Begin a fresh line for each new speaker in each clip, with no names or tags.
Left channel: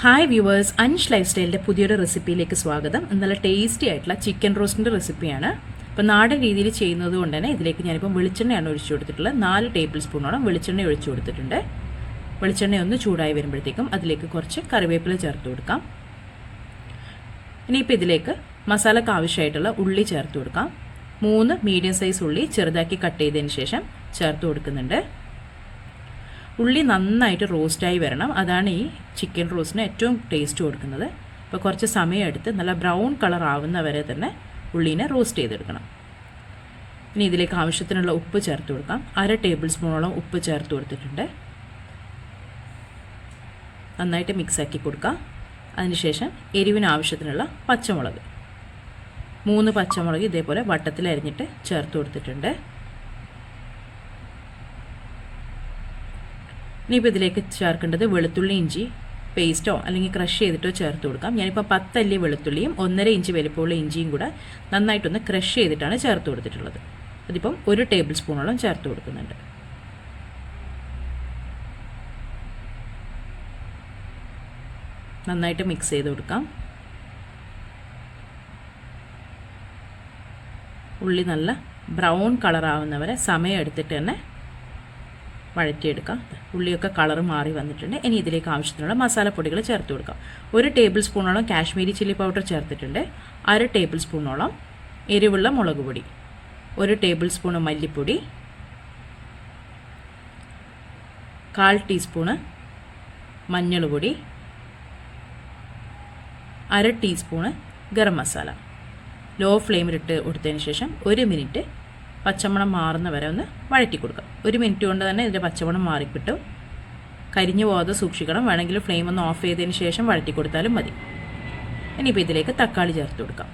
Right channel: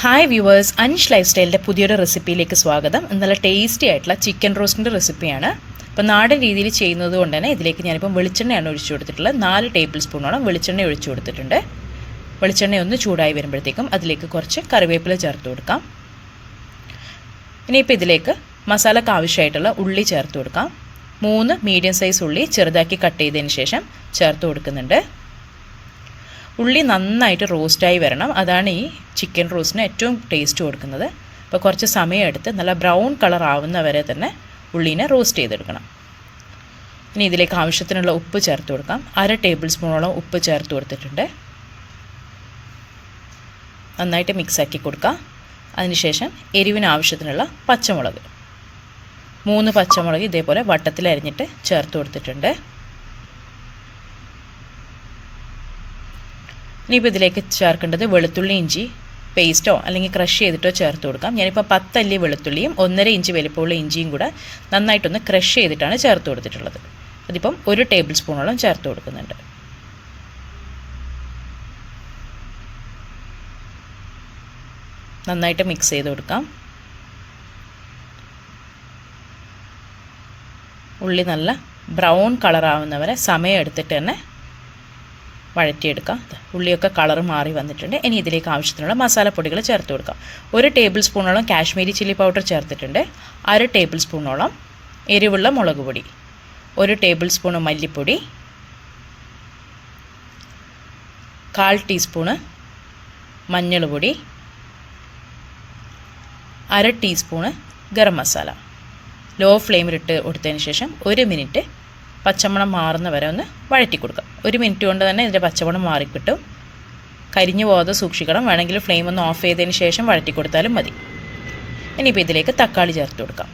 Hi viewers Ansh life സ്റ്റൈലിന്റെ പുതിയൊരു റെസിപ്പിയിലേക്ക് സ്വാഗതം. ഇന്നലെ ടേസ്റ്റി ആയിട്ടുള്ള ചിക്കൻ റോസ്റ്റിന്റെ റെസിപ്പിയാണ് അപ്പോൾ നാടൻ രീതിയിൽ ചെയ്യുന്നത് കൊണ്ട് തന്നെ ഇതിലേക്ക് ഞാനിപ്പം വെളിച്ചെണ്ണയാണ് ഒഴിച്ചു കൊടുത്തിട്ടുള്ളത്. നാല് ടേബിൾ സ്പൂണോളം വെളിച്ചെണ്ണ ഒഴിച്ചു കൊടുത്തിട്ടുണ്ട്. വെളിച്ചെണ്ണ ഒന്ന് ചൂടായി വരുമ്പോഴത്തേക്കും അതിലേക്ക് കുറച്ച് കറിവേപ്പില ചേർത്ത് കൊടുക്കാം. ഇനിയിപ്പോൾ ഇതിലേക്ക് മസാലക്ക് ആവശ്യമായിട്ടുള്ള ഉള്ളി ചേർത്ത് കൊടുക്കാം. മൂന്ന് മീഡിയം സൈസ് ഉള്ളി ചെറുതാക്കി കട്ട് ചെയ്തതിന് ശേഷം ചേർത്ത് കൊടുക്കുന്നുണ്ട്. ഉള്ളി നന്നായിട്ട് റോസ്റ്റായി വരണം. അതാണ് ഈ ചിക്കൻ റോസ്റ്റിന് ഏറ്റവും ടേസ്റ്റ് കൊടുക്കുന്നത്. അപ്പോൾ കുറച്ച് സമയം എടുത്ത് നല്ല ബ്രൗൺ കളർ ആവുന്ന വരെ തന്നെ ഉള്ളീനെ റോസ്റ്റ് ചെയ്തെടുക്കണം. ഇനി ഇതിലേക്ക് ആവശ്യത്തിനുള്ള ഉപ്പ് ചേർത്ത് കൊടുക്കാം. അര ടേബിൾ സ്പൂണോളം ഉപ്പ് ചേർത്ത് കൊടുത്തിട്ടുണ്ട്. നന്നായിട്ട് മിക്സാക്കി കൊടുക്കാം. അതിനുശേഷം എരിവിന് ആവശ്യത്തിനുള്ള പച്ചമുളക്. മൂന്ന് പച്ചമുളക് ഇതേപോലെ വട്ടത്തിൽ അരിഞ്ഞിട്ട് ചേർത്ത് കൊടുത്തിട്ടുണ്ട്. ഇനിയിപ്പോൾ ഇതിലേക്ക് ചേർക്കേണ്ടത് വെളുത്തുള്ളി ഇഞ്ചി പേസ്റ്റോ അല്ലെങ്കിൽ ക്രഷ് ചെയ്തിട്ടോ ചേർത്ത് കൊടുക്കാം. ഞാനിപ്പോൾ പത്തല്ലി വെളുത്തുള്ളിയും ഒന്നര ഇഞ്ച് വലിപ്പമുള്ള ഇഞ്ചിയും കൂടെ നന്നായിട്ടൊന്ന് ക്രഷ് ചെയ്തിട്ടാണ് ചേർത്ത് കൊടുത്തിട്ടുള്ളത്. അതിപ്പം ഒരു ടേബിൾ സ്പൂണോളം ചേർത്ത് കൊടുക്കുന്നുണ്ട്. നന്നായിട്ട് മിക്സ് ചെയ്ത് കൊടുക്കാം. ഉള്ളി നല്ല ബ്രൗൺ കളറാവുന്നവരെ സമയം എടുത്തിട്ട് തന്നെ വഴറ്റിയെടുക്കാം. ഉള്ളിയൊക്കെ കളർ മാറി വന്നിട്ടുണ്ട്. ഇനി ഇതിലേക്ക് ആവശ്യത്തിനുള്ള മസാലപ്പൊടികൾ ചേർത്ത് കൊടുക്കാം. ഒരു ടേബിൾ സ്പൂണോളം കാശ്മീരി ചില്ലി പൗഡർ ചേർത്തിട്ടുണ്ട്. അര ടേബിൾ സ്പൂണോളം എരിവുള്ള മുളക് പൊടി. ഒരു ടേബിൾ സ്പൂൺ മല്ലിപ്പൊടി. കാൽ ടീസ്പൂണ് മഞ്ഞൾ പൊടി അര ടീസ്പൂണ് ഗരം മസാല ലോ ഫ്ലെയിമിലിട്ട് കൊടുത്തതിന് ശേഷം ഒരു മിനിറ്റ് പച്ചമണം മാറുന്ന വരെ ഒന്ന് വഴറ്റി കൊടുക്കാം ഒരു മിനിറ്റ് കൊണ്ട് തന്നെ ഇതിന്റെ പച്ചമണം മാറിക്കിട്ടും. കരിഞ്ഞു പോകാതെ സൂക്ഷിക്കണം. വേണമെങ്കിൽ ഫ്ലെയിം ഒന്ന് ഓഫ് ചെയ്തതിന് ശേഷം വഴറ്റി കൊടുത്താലും മതി. ഇനിയിപ്പോൾ ഇതിലേക്ക് തക്കാളി ചേർത്ത് കൊടുക്കാം.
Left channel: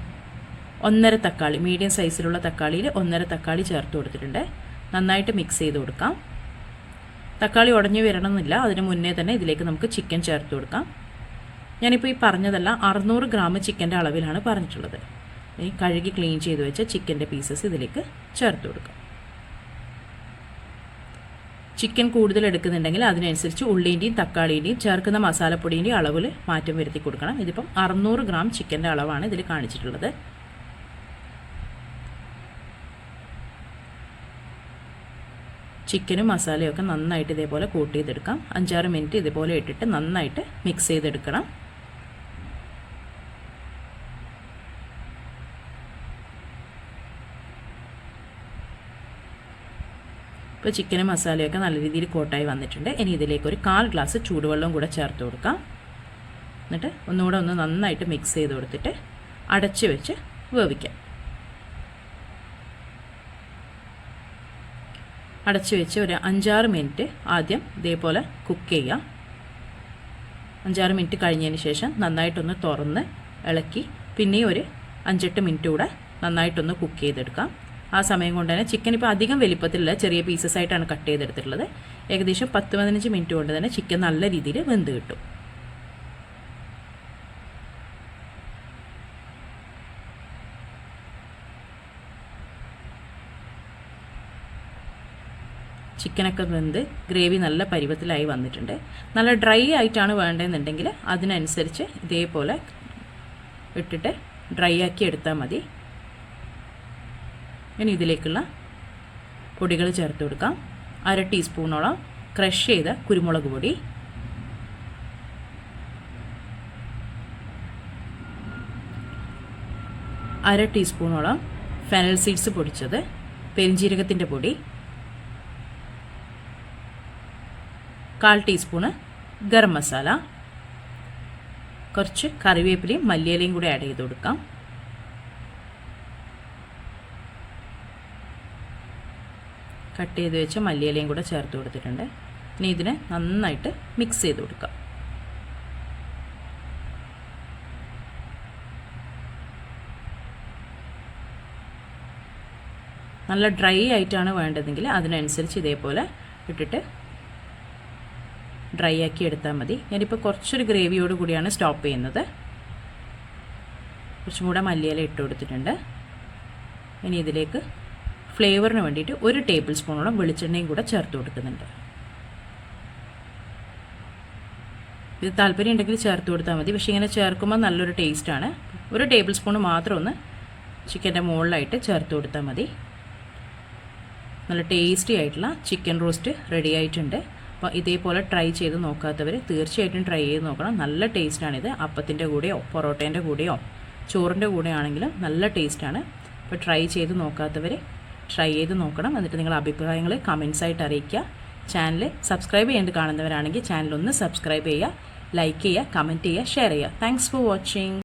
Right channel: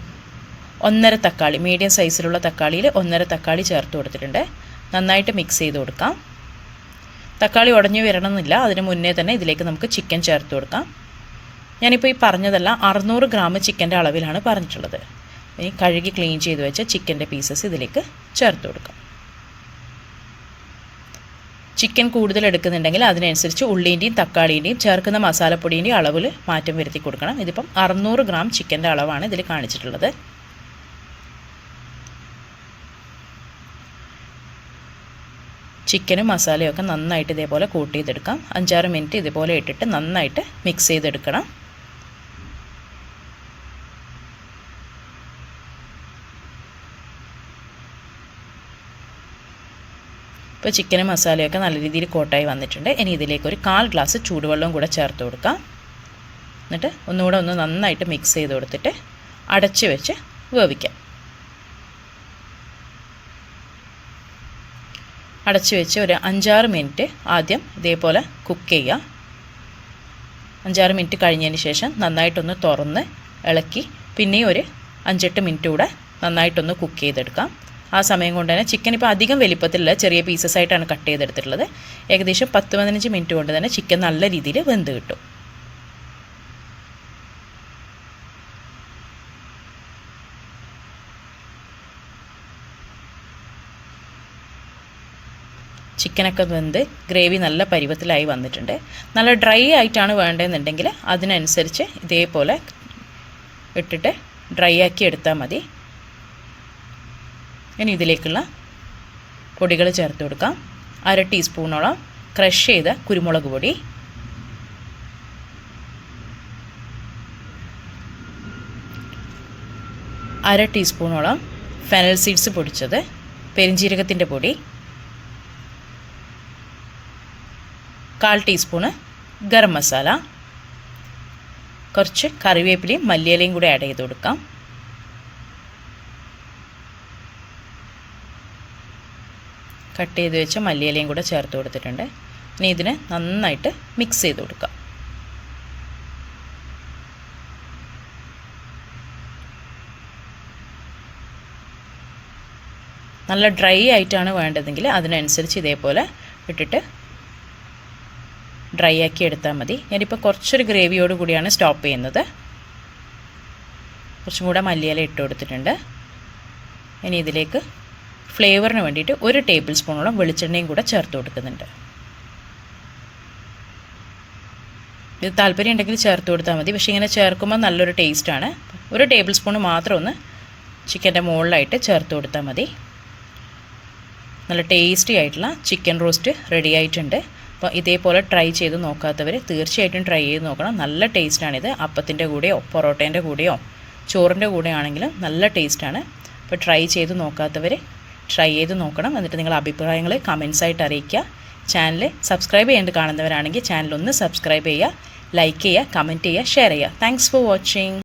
ഒന്നര തക്കാളി മീഡിയം സൈസിലുള്ള തക്കാളിയിൽ ഒന്നര തക്കാളി ചേർത്ത് കൊടുത്തിട്ടുണ്ട്. നന്നായിട്ട് മിക്സ് ചെയ്ത് കൊടുക്കാം. തക്കാളി ഉടഞ്ഞു വരണമെന്നില്ല. അതിന് മുന്നേ തന്നെ ഇതിലേക്ക് നമുക്ക് ചിക്കൻ ചേർത്ത് കൊടുക്കാം. ഞാനിപ്പോൾ ഈ പറഞ്ഞതെല്ലാം അറുന്നൂറ് ഗ്രാം ചിക്കന്റെ അളവിലാണ് പറഞ്ഞിട്ടുള്ളത്. ഇനി കഴുകി ക്ലീൻ ചെയ്ത് വെച്ച ചിക്കന്റെ പീസസ് ഇതിലേക്ക് ചേർത്ത് കൊടുക്കാം. ചിക്കൻ കൂടുതൽ എടുക്കുന്നുണ്ടെങ്കിൽ അതിനനുസരിച്ച് ഉള്ളീന്റെയും തക്കാളീന്റെയും ചേർക്കുന്ന മസാലപ്പൊടിന്റെയും അളവിൽ മാറ്റം വരുത്തി കൊടുക്കണം. ഇതിപ്പം അറുന്നൂറ് ഗ്രാം ചിക്കന്റെ അളവാണ് ഇതിൽ കാണിച്ചിട്ടുള്ളത്. ചിക്കനും മസാലയും ഒക്കെ നന്നായിട്ട് ഇതേപോലെ കൂട്ടി ചെയ്തെടുക്കാം അഞ്ചാറ് മിനിറ്റ് ഇതേപോലെ ഇട്ടിട്ട് നന്നായിട്ട് മിക്സ് ചെയ്തെടുക്കണം. ഇപ്പോൾ ചിക്കനും മസാലയൊക്കെ നല്ല രീതിയിൽ കോട്ടായി വന്നിട്ടുണ്ട്. ഇനി ഇതിലേക്ക് ഒരു കാൽ ഗ്ലാസ് ചൂടുവെള്ളവും കൂടെ ചേർത്ത് കൊടുക്കാം. എന്നിട്ട് ഒന്നുകൂടെ ഒന്ന് നന്നായിട്ട് മിക്സ് ചെയ്ത് കൊടുത്തിട്ട് അടച്ച് വെച്ച് വേവിക്കാം. അടച്ച് വെച്ച് ഒരു അഞ്ചാറ് മിനിറ്റ് ആദ്യം ഇതേപോലെ കുക്ക് ചെയ്യുക. അഞ്ചാറ് മിനിറ്റ് കഴിഞ്ഞതിന് ശേഷം നന്നായിട്ടൊന്ന് തുറന്ന് ഇളക്കി പിന്നെയും ഒരു അഞ്ചെട്ട് മിനിറ്റ് കൂടെ നന്നായിട്ടൊന്ന് കുക്ക് ചെയ്തെടുക്കാം. ആ സമയം കൊണ്ട് തന്നെ ചിക്കൻ ഇപ്പോൾ അധികം വലിപ്പത്തിലുള്ള ചെറിയ പീസസ് ആയിട്ടാണ് കട്ട് ചെയ്തെടുത്തിട്ടുള്ളത്. ഏകദേശം പത്ത് പതിനഞ്ച് മിനിറ്റ് കൊണ്ട് തന്നെ ചിക്കൻ നല്ല രീതിയിൽ വെന്ത് കിട്ടും. ചിക്കനൊക്കെ വെന്ത് ഗ്രേവി നല്ല പരുവത്തിലായി വന്നിട്ടുണ്ട്. നല്ല ഡ്രൈ ആയിട്ടാണ് വേണ്ടതെന്നുണ്ടെങ്കിൽ അതിനനുസരിച്ച് ഇതേപോലെ ഇട്ടിട്ട് ഡ്രൈ ആക്കി എടുത്താൽ മതി. ഇനി ഇതിലേക്കുള്ള പൊടികൾ ചേർത്ത് കൊടുക്കാം. അര ടീസ്പൂണോളം ക്രഷ് ചെയ്ത കുരുമുളക് പൊടി. അര ടീസ്പൂണോളം ഫെനൽ സീഡ്സ് പൊടിച്ചത് പെരിഞ്ജീരകത്തിന്റെ പൊടി. കാൽ ടീസ്പൂണ് ഗരം മസാല. കുറച്ച് കറിവേപ്പിലയും മല്ലിയിലയും കൂടി ആഡ് ചെയ്ത് കൊടുക്കാം. കട്ട് ചെയ്ത് വെച്ച മല്ലിയിലയും കൂടെ ചേർത്ത് കൊടുത്തിട്ടുണ്ട്. ഇനി ഇതിനെ നന്നായിട്ട് മിക്സ് ചെയ്ത് കൊടുക്കുക നല്ല ഡ്രൈ ആയിട്ടാണ് വേണ്ടതെങ്കിൽ അതിനനുസരിച്ച് ഇതേപോലെ ഇട്ടിട്ട് ഡ്രൈ ആക്കി എടുത്താൽ മതി. ഞാനിപ്പോൾ കുറച്ചൊരു ഗ്രേവിയോട് കൂടിയാണ് സ്റ്റോപ്പ് ചെയ്യുന്നത്. കുറച്ചും കൂടെ മല്ലിയില ഇട്ട് കൊടുത്തിട്ടുണ്ട്. ഇനി ഇതിലേക്ക് ഫ്ലേവറിന് വേണ്ടിയിട്ട് ഒരു ടേബിൾ സ്പൂണോളം വെളിച്ചെണ്ണയും കൂടെ ചേർത്ത് കൊടുക്കുന്നുണ്ട്. ഇത് താല്പര്യം ഉണ്ടെങ്കിൽ ചേർത്ത് കൊടുത്താൽ മതി. പക്ഷേ ഇങ്ങനെ ചേർക്കുമ്പോൾ നല്ലൊരു ടേസ്റ്റാണ് ഒരു ടേബിൾ സ്പൂൺ മാത്രം ഒന്ന് ചിക്കന്റെ മുകളിലായിട്ട് ചേർത്ത് കൊടുത്താൽ മതി. നല്ല ടേസ്റ്റി ആയിട്ടുള്ള ചിക്കൻ റോസ്റ്റ് റെഡി ആയിട്ടുണ്ട്. അപ്പോൾ ഇതേപോലെ ട്രൈ ചെയ്ത് നോക്കാത്തവർ തീർച്ചയായിട്ടും ട്രൈ ചെയ്ത് നോക്കണം. നല്ല ടേസ്റ്റാണിത് അപ്പത്തിന്റെ കൂടെയോ പൊറോട്ടേന്റെ കൂടെയോ ചോറിന്റെ കൂടെ ആണെങ്കിലും നല്ല ടേസ്റ്റാണ് അപ്പോൾ ട്രൈ ചെയ്ത് നോക്കാത്തവർ ട്രൈ ചെയ്ത് നോക്കണം. എന്നിട്ട് നിങ്ങളുടെ അഭിപ്രായങ്ങൾ കമൻസ് ആയിട്ട് അറിയിക്കുക. ചാനൽ സബ്സ്ക്രൈബ് ചെയ്യേണ്ട കാണുന്നവരാണെങ്കിൽ ചാനൽ ഒന്ന് സബ്സ്ക്രൈബ് ചെയ്യുക ലൈക്ക് ചെയ്യുക കമന്റ് ചെയ്യുക ഷെയർ ചെയ്യുക. Thanks for watching